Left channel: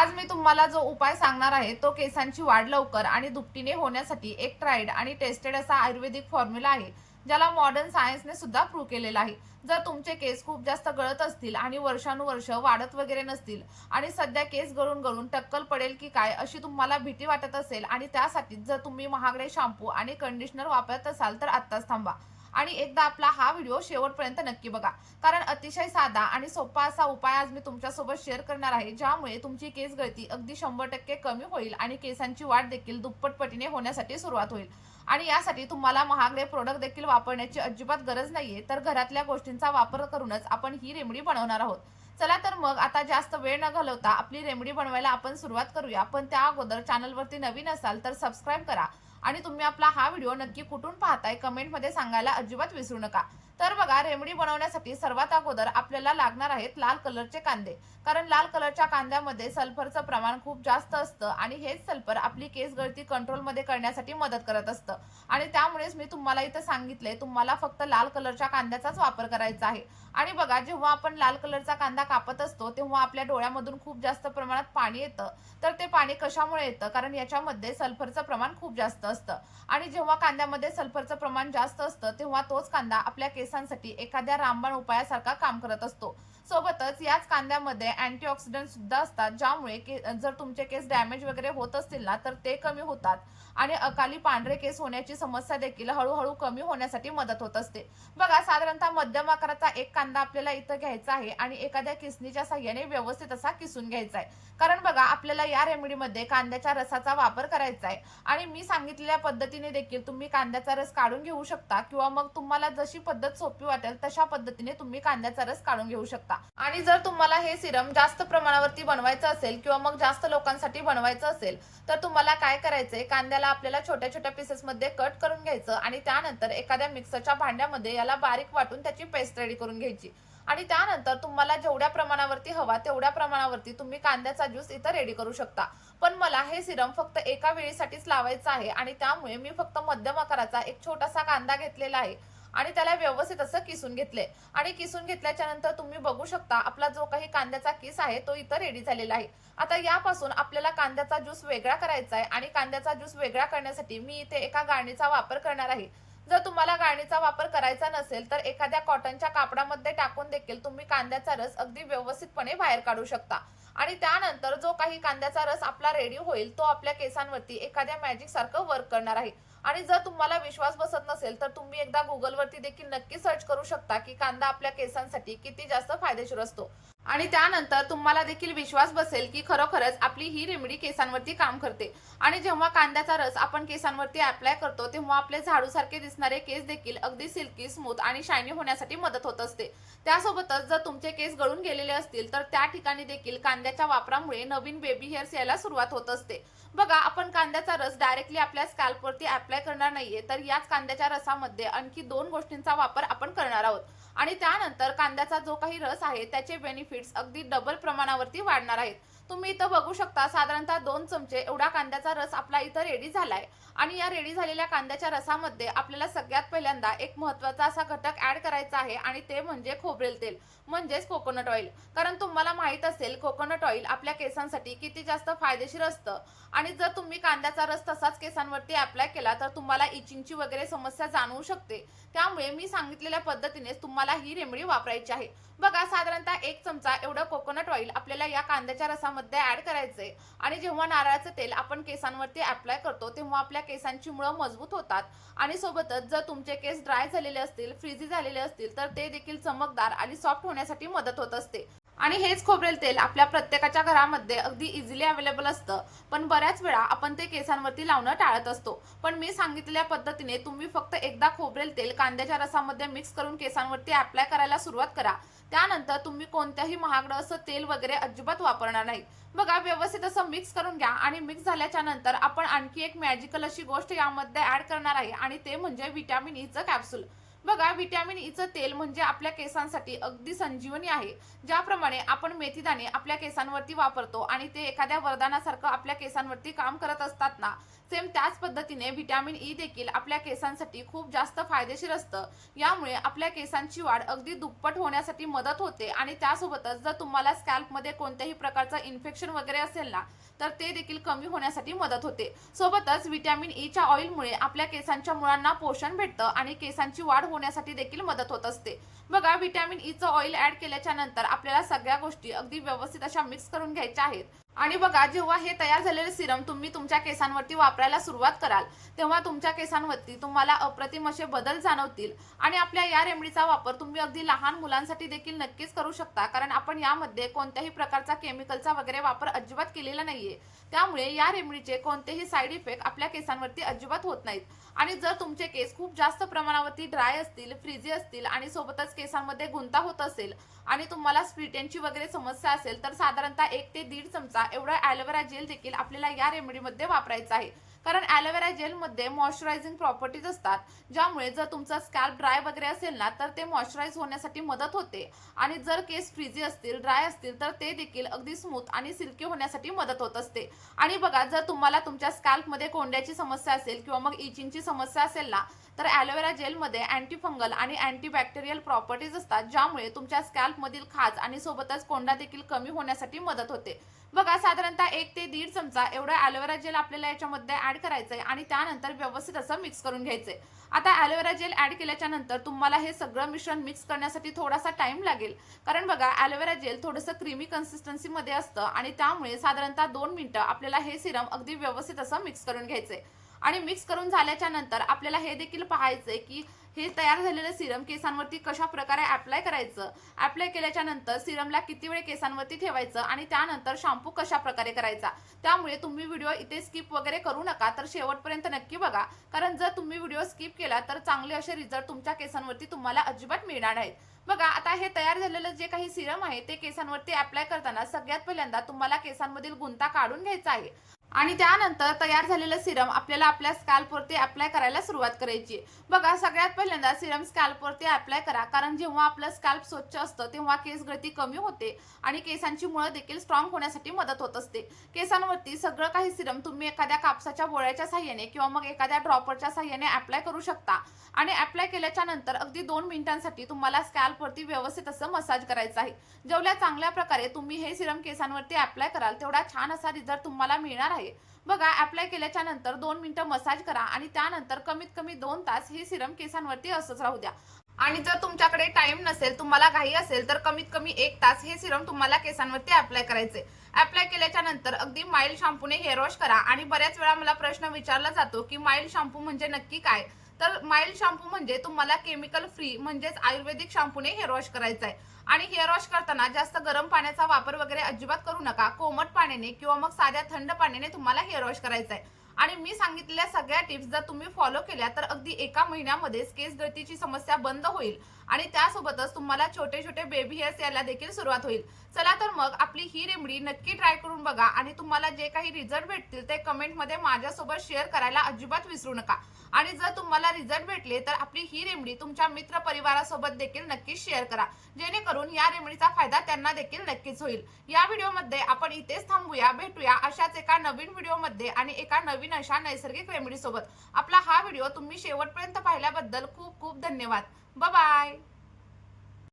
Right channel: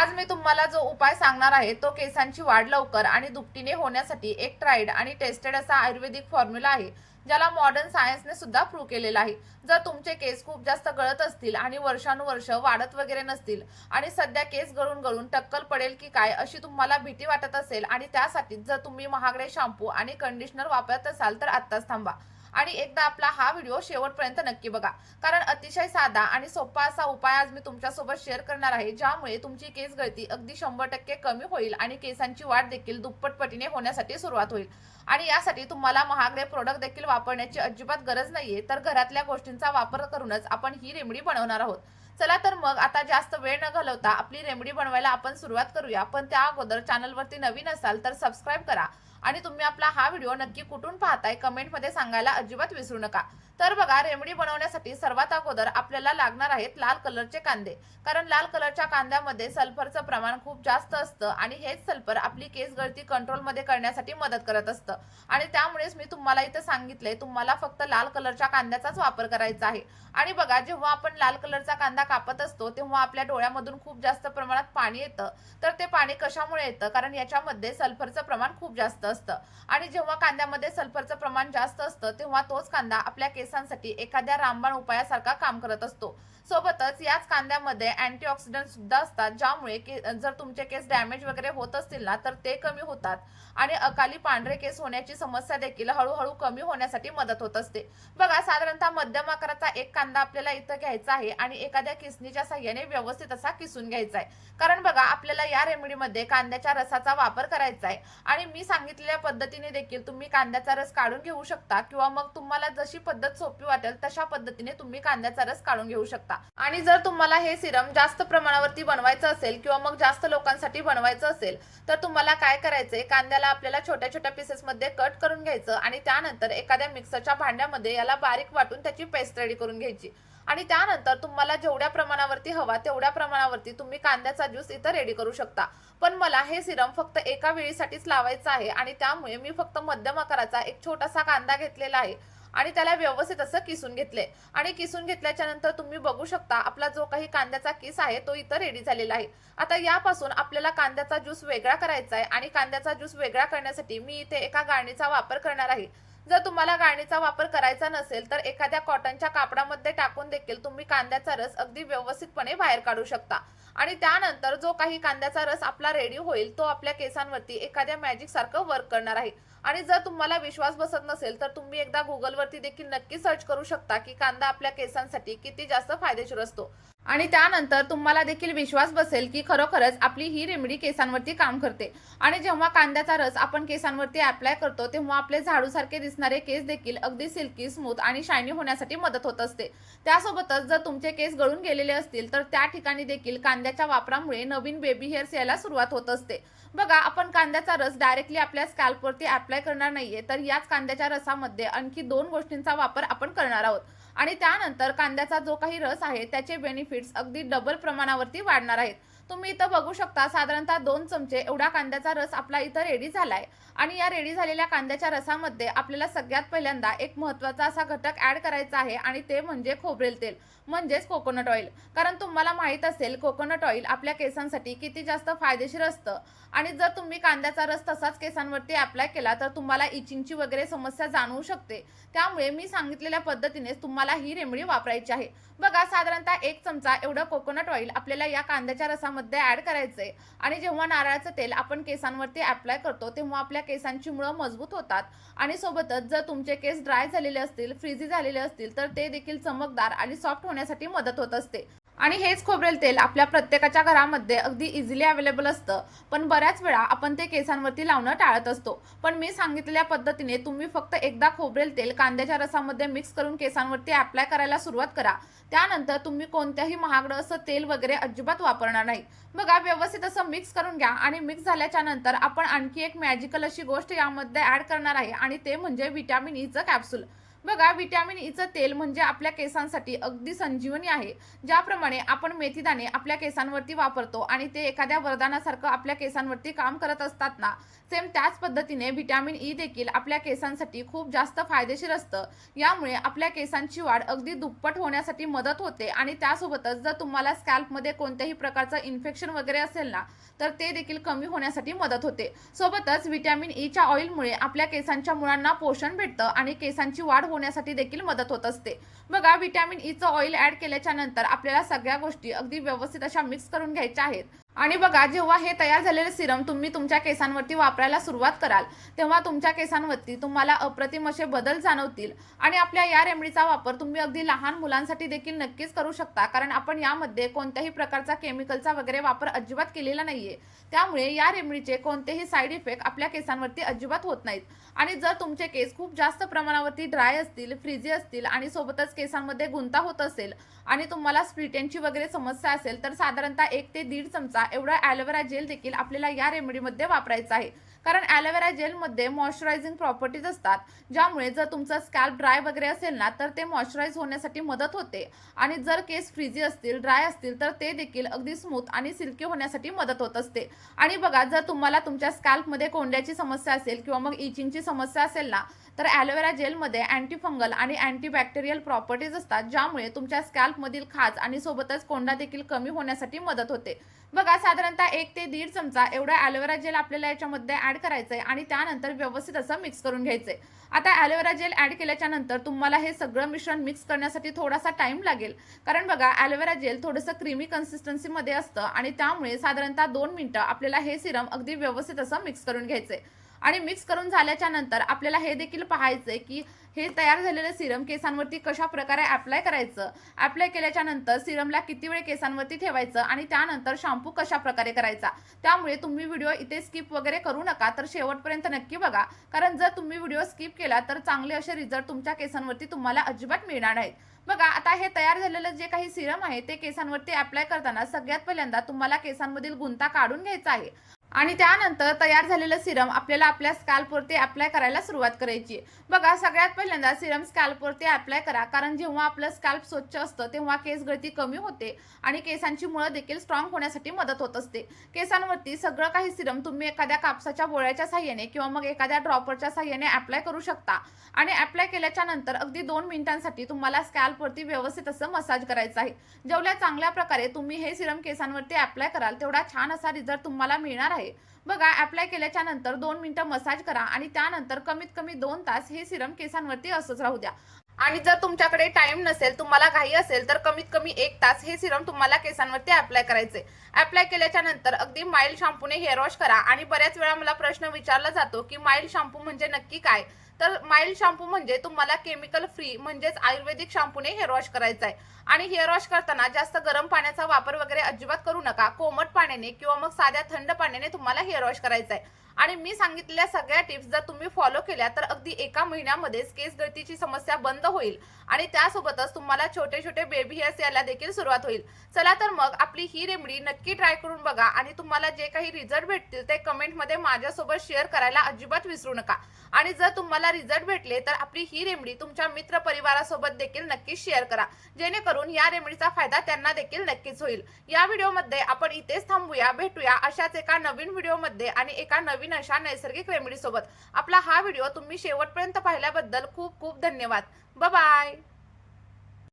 आज मी तुम्हाला जो उपाय सांगणार आहे तो केसांची वाढ लवकर आणि दुपटीने होण्यासाठी एक ट्राईड आणि टेस्टेड असा आयुर्वेदिक फॉर्म्युला आहे, ज्याला मॉडर्न सायन्सने सुद्धा प्रूव्ह केलेला आहे. जर तुमचे केस खूप जास्त गळत असतील आणि वर्षानुवर्ष वाढत वगैरे नसतील आणि सध्या केस गळून गळून टक्कल पडेल की काय अशी तुम्हाला भीती वाटत असेल आणि त्यासाठी जर तुम्ही महागडे शॅम्पू आणि कंडिशनर वापरत असाल तर आत्ताच थांबा आणि एकदा आपला हा व्हिडिओ शेवटपर्यंत नक्की बघा, कारण अतिशय साधा आणि सोपा असा उपाय आज मी तुमच्यासोबत शेअर करणार आहे, ज्यामुळे तुमची केस गळती अगदी 100% कमी होईल आणि केसांची वाढ देखील दुप्पट पटीने होण्यासाठी सुरुवात होईल. आणि यासाठी तुम्हाला महागडे प्रोडक्ट देखील वापरण्याची अजिबात गरज नाहीये, तर घरातल्या गोष्टींचा वापर करूनच आपण ही रेमेडी बनवणार आहोत. चला तर मग आता जास्त वेळ न घालवता आपली रेमेडी बनवायला आपण सुरुवात करूया. पण त्या अगोदर चॅनलवरती नवीन असाल तर सबस्क्राईब करा आणि तुम्ही आपला हा व्हिडिओ नक्की कुठून पाहताय कमेंटमध्ये सांगायला अजिबात विसरू नका. तर बघा, रेमेडी बनवण्यासाठी सर्वात अगोदर आपल्याला लागणार आहेत लाल कलरचे कांदे, कारण लाल कलरच्या कांद्यामध्ये सल्फरचं प्रमाण खूप जास्त असतं आणि हेच सल्फर आपली केस गळती कंट्रोलमध्ये करण्यासाठी मदत करत असतं. आणि त्यामुळेच मी तुम्हाला इथं सांगितलंय तुम्हाला फक्त लाल कलरच्या कांद्याचाच वापर करायचा आहे. आणि बघा, जेव्हा आपण लाल कलरचा कांदा कापत असतो तेव्हा आपल्या डोळ्यामधून खूप जास्त प्रमाणात पाणी येतं. तर ते पाणी कशामुळे येतं? कारण याच्यामध्ये सल्फरचं प्रमाण खूप जास्त असतं आणि जेव्हा कांद्यामध्ये सल्फरचं प्रमाण जास्त असतं तेव्हा तोच कांदा आपल्या केसांसाठी एखाद्या रामबाण उपायासारखा काम करत असतो. सोबतच याच कांद्यामध्ये अँटीऑक्सिडंट सुद्धा असतात, ज्यामुळे जर तुमचे केस डॅमेज वगैरे होत असतील ना तर ते कमी होतात आणि अकाली पांढरे केस होण्याची समस्या देखील हळूहळू कमी होण्यासाठी मदत होत असते. बघा, साधारणतः मध्यम आकाराचा एक कांदा आपल्याला इथं घ्यायचा आहे आणि एखाद्या किसणीच्या साह्याने व्यवस्थित असा किसून घ्यायचा आहे. कारण बघा, आपल्याला या रेमेडीमध्ये कांद्याच्या रसाचा वापर करायचा आहे आणि मी सांगितलेल्या पद्धतीने देखील तुम्ही कांद्याचा रस काढून घेऊ शकता किंवा मग तुम्हाला जशी पद्धत सोपी वाटेल तशा पद्धतीने तुम्ही कांद्याचा रस काढून घेऊ शकता. आणि जर तुम्हाला हे सिरम जास्त प्रमाणावरती बनवायचं असेल किंवा मग जास्त लोकांसाठी बनवायचं असेल तर तुम्हाला काय करायचंय, कांद्याला आपल्याला छोट्या छोट्या पीसेस मध्ये कट करून घ्यायचं आणि त्यानंतर एखाद्या मिक्सरच्या भांड्यामध्ये याला बारीक वाटून त्याची पेस्ट रेडी करून घ्यायची. आणि त्यानंतर तुम्हाला जेवढ्या प्रमाणावरती हवा तेवढ्या प्रमाणावरती तुम्ही कांद्याचा ज्यूस इथं रेडी करू शकता. पण मला हे सिरम फक्त एका वेळीसाठीच लावायचं आहे आणि त्यामुळे मी फक्त मध्यम आकाराचा एक छोटासा कांदा घेतलेला आहे आणि त्याला व्यवस्थित असं किसून घेतले. आणि किसून घेतल्याच्या नंतर तुम्ही बघू शकता आपला जो काही कांद्याचा किस आहे तो इथं रेडी झालेला आहे. आता यापासून आपल्याला कांद्याचा ज्यूस वेगळा करायचा आहे आणि कांद्याचा ज्यूस वेगळा करण्यासाठी मी इथे एका गाळणीचा वापर करणार आहे. जर तुम्हाला गाळणीचा वापर करायचा नसेल तर एखाद्या कॉटनच्या कापडामध्ये टाकून देखील तुम्ही कांद्याचा रस अगदी व्यवस्थितपणे बाहेर काढू शकता. आणि त्यानंतर जो काही कांद्याचा रस आपला रेडी होईल तो आपल्या केसांवरती एखाद्या मॅजिक सारखं वर्क करणार आहे. आणि जर तुम्हाला विश्वास बसत नसेल तर तुम्ही एकदा गुगलवरती देखील नक्की सर्च करू शकता की कांदा आपल्या केसांसाठी किती जास्त फायदेशीर असतो. आणि त्यानंतर तुम्हाला देखील विश्वास बसेल की खरोखरच आपली ही रेमेडी केसांवरती काम करते. आणि जेव्हा कांद्याचा रस आपण केसांवरती अप्लाय करतो तेव्हा आपले झाडूसारखे दिसणारे केस देखील अगदी सिल्की, स्मूथ आणि शायनी होण्यासाठी मदत होत असते. त्यासोबतच जर तुमचे केस गळून गेलेले असतील तर त्या ठिकाणी देखील कांद्याच्या वापरामुळे नवीन बेबी हेअर्स यायला सुरुवात होत असते. बघा, आपण कांद्याचा रस डायरेक्टली आपल्या स्कॅल्पवरती अप्लाय करणार नाहीये, तर याच कांद्याच्या रसामध्ये आणखी 2 गोष्टींचा वापर आपण करणार आहोत. आणि त्यानंतर कांद्याचा जो काही रस आहे त्याचे बेनिफिट्स अगदी डबल प्रमाणावरती वाढणार आहेत. तुम्ही इथं बघू शकता साधारणतः 2 चमचे एवढा कांद्याचा रस आपला इथं रेडी झालाय. आणि या रेडी झालेल्या कांद्याच्या रसामध्ये आपल्याला सगळ्यात पहिल्यांदा एक महत्त्वाचा असा घटक ऍड करायचा आहे आणि ते म्हणजे खोबरेल तेल, म्हणजेच कोकोनट ऑइल. कारण तुम्हाला माहित असेल कोकोनट ऑइल आपल्या केसांसाठी किती जास्त फायदेशीर असतं. आणि जर तुम्ही कांद्याचा रस तसाच केसांवरती अप्लाय केला तर तुम्हाला इचिंगची वगैरे समस्या जाणवू शकते. त्यामुळे मी सांगितलेल्या पद्धतीने तुम्हाला ही रेमेडी वापरायची आहे. बघा, साधारणतः 1 चमचा एवढं कोकोनट ऑइल आपल्याला या कांद्याच्या रसामध्ये ऍड करायचंय. आणि जेव्हा नारळाचं तेल आपण केसांवरती अप्लाय करतो तेव्हा आपल्या केसांची मुळं मजबूत होतात आणि सोबतच जर तुमचे केस ड्राय झालेले असतील, फ्रीझी झालेले असतील तर ते देखील चमकदार आणि सॉफ्ट होण्यासाठी मदत होत असते. आणि हेच खोबरेल तेल आपल्या प्रत्येकाच्या घरामध्ये अगदी इझिली अवेलेबल असतं, पण बऱ्याच वेळा आपण ते केसांवरती लावणं टाळत असतो. पण मी सांगितलेल्या पद्धतीने तुम्ही फक्त एकदा खोबरेल तेल कांद्याच्या रसामध्ये मिक्स करून केसांवरती अप्लाय करायला सुरुवात करा. त्यानंतर तुम्ही कोणत्याही महागडं असं तेल वगैरे अजिबात वापरणार नाही. बघा, व्यवस्थित असं मिक्स करून घ्या आणि मिक्स झाल्याच्या नंतर आपण आणखी एक मॅजिकल अशी गोष्ट यामध्ये ऍड करणार आहे आणि ते म्हणजे व्हिटॅमिन ईचं कॅप्सूल. बघा, व्हिटॅमिन ईचं तेल म्हणजे आपल्या केसांसाठी अगदी संजीवनी आहे. ज्याप्रमाणे आपण मेथीदाणे आपल्या केसांवरती वापरतो आणि ते एखाद्या वरदानासारखं आपल्या केसांवरती काम करत असतात ना, सेम त्याच पद्धतीने व्हिटॅमिन ई देखील आपल्या केसांसाठी खूप जास्त फायदेशीर असतं. यामुळे आपल्या केसांची वाढ अगदी दुप्पट होण्यासाठी मदत होते आणि त्यासोबतच जर तुम्हाला स्कॅल्पमध्ये कोणत्याही प्रकारचं इन्फेक्शन वगैरे असेल ना, तर ते देखील कमी होण्यासाठी मदत होते. सोबतच व्हिटॅमिन ईच्या ऑइलमुळे आपल्या केसांच्या मुळांना पोषण भेटतं आणि केसांची वाढ होण्यासाठी देखील मदत होत असते. बघा, व्हिटॅमिन ईचं ऑइल ऍड केल्याच्या नंतर आपल्याला सगळ्या गोष्टी अगदी व्यवस्थित अशा मिक्स करून घ्यायच्या आहेत. आणि बघा, जेव्हा हे तयार झालेले सिरम तुम्ही तुमच्या केसांवरती वापरायला सुरुवात कराल, तेव्हा तुमच्या केसांवरती तुम्हाला अप्रतिम असे बदल जाणवतील. आणि आपल्या या रेमेडीचा वापर तुम्ही अगदी लहान मुलांसाठी देखील नक्कीच करू शकता, कारण आपण यामध्ये कोणत्याही प्रकारचा केमिकलचा वगैरे वापर अजिबात केलेला नाहीये. त्यामुळे या रेमेडीचे कोणतेही साईड इफेक्ट आपल्या केसांवरती अजिबात होत नाहीत. आणि जर तुमचे केस खूप जास्त प्रमाणावरती ड्राय असतील, फ्रिजी असतील आणि सोबतच केसांमध्ये गुंता होत असेल आणि तुम्हाला स्प्लिटेनची वगैरे समस्या असेल, तर साधारणतः 1 ते 1.5 चमचा एवढा ॲलोवेरा जेल देखील आपल्याला या रेमेडीमध्ये वापरायचा आहे. कारण ॲलोवेरा जेलमध्ये मॉइश्चरायझिंग प्रॉपर्टीज असतात, ज्यामुळे जर तुमचा स्कॅल्प ड्राय वगैरे असेल ना, तर ते मॉइश्चराइज होण्यासाठी मदत होते. आणि जर केस फ्रिजी असतील, ड्राय असतील, तर ते देखील अगदी स्मूथ आणि सिल्की होण्यासाठी मदत होत असते. आणि बघा, जर तुम्हाला तुमच्या स्कॅल्पमध्ये कोंड्याची समस्या असेल किंवा मग इचिंगची समस्या असेल ना, तर ॲलोवेरा जेलमध्ये अँटी फंगल आणि अँटीबॅक्टेरियल प्रॉपर्टीज असतात, ज्यामुळे तुमच्या स्कॅल्पमधील खाज आणि सोबतच कोंडा देखील कमी होण्यासाठी मदत होते. बघा, साधारणतः 1 ते 1.5 चमचा एवढा ॲलोवेरा जेल आपल्याला याच्यामध्ये ऍड करायचंय आणि त्यानंतर व्यवस्थित असं मिक्स करून घ्यायचंय. आता ॲलोवेरा जेल ऍड केल्याच्या नंतर तुम्हाला हे सगळं मिश्रण मिक्स करण्यासाठी थोडासा टाइम लागेल, कारण बघा, ॲलोवेरा जेल थोडंसं क्रीमी कन्सिस्टन्सीमध्ये असतं आणि त्यामुळे साधारणतः 2 मिनिटं आपल्याला हे सिरम अगदी व्यवस्थित असं मिक्स करून घ्यायचंय. आणि मिक्स करून झाल्याच्या नंतर आपल्याला हे देखील पाहायचंय की हे तयार झालेलं सिरम केसांवरती कशा प्रकारे अप्लाय करायचं, अप्लाय केल्याच्या नंतर सिरमला किती वेळ केसांवरती ठेवायचं आणि त्यानंतर शॅम्पू कशा प्रकारे करायचा. त्यामुळे तुम्ही व्हिडिओ इथे स्किप वगैरे करू नका, तर शेवटपर्यंत नक्की बघा, कारण जर तुम्ही व्हिडिओ स्किप केला तर चांगले असे रिझल्ट तुमच्या केसांवरती तुम्हाला अजिबात मिळणार नाहीत. बघा, आता हे तयार झालेलं जे काही सिरम आहे ते केसांवरती अप्लाय करताना सगळ्यात पहिल्यांदा तुम्हाला केसांमधील गुंता काढून घ्यायचा आहे आणि त्यानंतर तयार झालेलं सिरम आपल्याला आपल्या स्कॅल्पवरती अप्लाय करायला सुरुवात करायची. बघा, सगळ्यात पहिल्यांदा सिरम स्कॅल्पवरती अप्लाय करा, कारण जेव्हा आपलं स्कॅल्प स्वच्छ असतं तेव्हा केस गळती कमी होते आणि केसांची मुळं देखील स्ट्रॉंग होण्यासाठी मदत होत असते. केसांवरती सगळं काही सिरम तुम्ही एखाद्या कापसाच्या बोळ्याच्या साह्याने किंवा मग एखाद्या ड्रॉपरच्या साह्याने अप्लाय करू शकता. आणि अप्लाय केल्याच्या नंतर अगदी 2 मिनिटांसाठी तुम्हाला स्कॅल्पवरती व्यवस्थित असं मसाज करायचं आहे. जेवढ्या चांगल्या प्रकारे तुम्ही हे सिरम केसांवरती अप्लाय कराल, तेवढा छान असा रिझल्ट तुम्हाला मिळणार आहे. बघा, अप्लाय केल्याच्या नंतर 2 मिनिटं मसाज करा आणि त्यानंतर कमीत कमी 2 तास हे सिरम केसांवरती असंच राहू द्या. आणि जर तुमच्याकडे टाइम नसेल, तुम्हाला घाई असेल, तर कमीत कमी 1 तास हे सिरम तुम्हाला केसांवरती अप्लाय करायचे. अप्लाय केल्याच्या नंतर अगदी माइल्ड शॅम्पूने हेअर वॉश करा. आणि बऱ्याच वेळा मला प्रश्न विचारला जातो की माइल्ड शॅम्पू म्हणजे नक्की काय. तर माइल्ड शॅम्पू म्हणजे तुम्हाला केमिकल फ्री म्हणजेच आयुर्वेदिक शॅम्पूने हेअर वॉश करायचा आहे. आणि हेअर वॉश करताना जास्त गरम पाण्याचा वापर वगैरे अजिबात करू नका. कोमट पाण्याने किंवा मग साध्या थंड पाण्याने तुम्हाला हेअर वॉश करायचा आहे. आणि मी सांगितलेल्या सगळ्या टिप्स जर तुम्ही फॉलो केल्या तर अगदी 1 महिन्यामध्येच केस गळतीची समस्या बंद होईल आणि त्यासोबतच तुम्हाला छोटे छोटे बेबी हेअर्स यायला देखील सुरुवात होईल. चला तर मग आपली ही रेमेडी नक्की ट्राय करून बघा आणि तुम्हाला जे काही रिझल्ट भेटतील ते कमेंटमध्ये माझ्यासोबत शेअर करायला अजिबात विसरू नका. आणि जर तुम्हाला रिझल्ट भेटले तर आपली ही रेमेडी तुमच्या मित्र परिवारासोबत देखील नक्कीच शेअर करा, जेणेकरून या रेमेडीचा फायदा त्यांना देखील नक्कीच होईल. या व्हिडिओमध्ये आपण इथेच थांबूया. भेटूया अशाच एका नवीन व्हिडिओमध्ये आणि एका नवीन अशा नैसर्गिक रेमेडी सोबत. आपला हा व्हिडिओ तुम्ही शेवटपर्यंत पाहिल्याबद्दल खूप खूप धन्यवाद. Bye bye.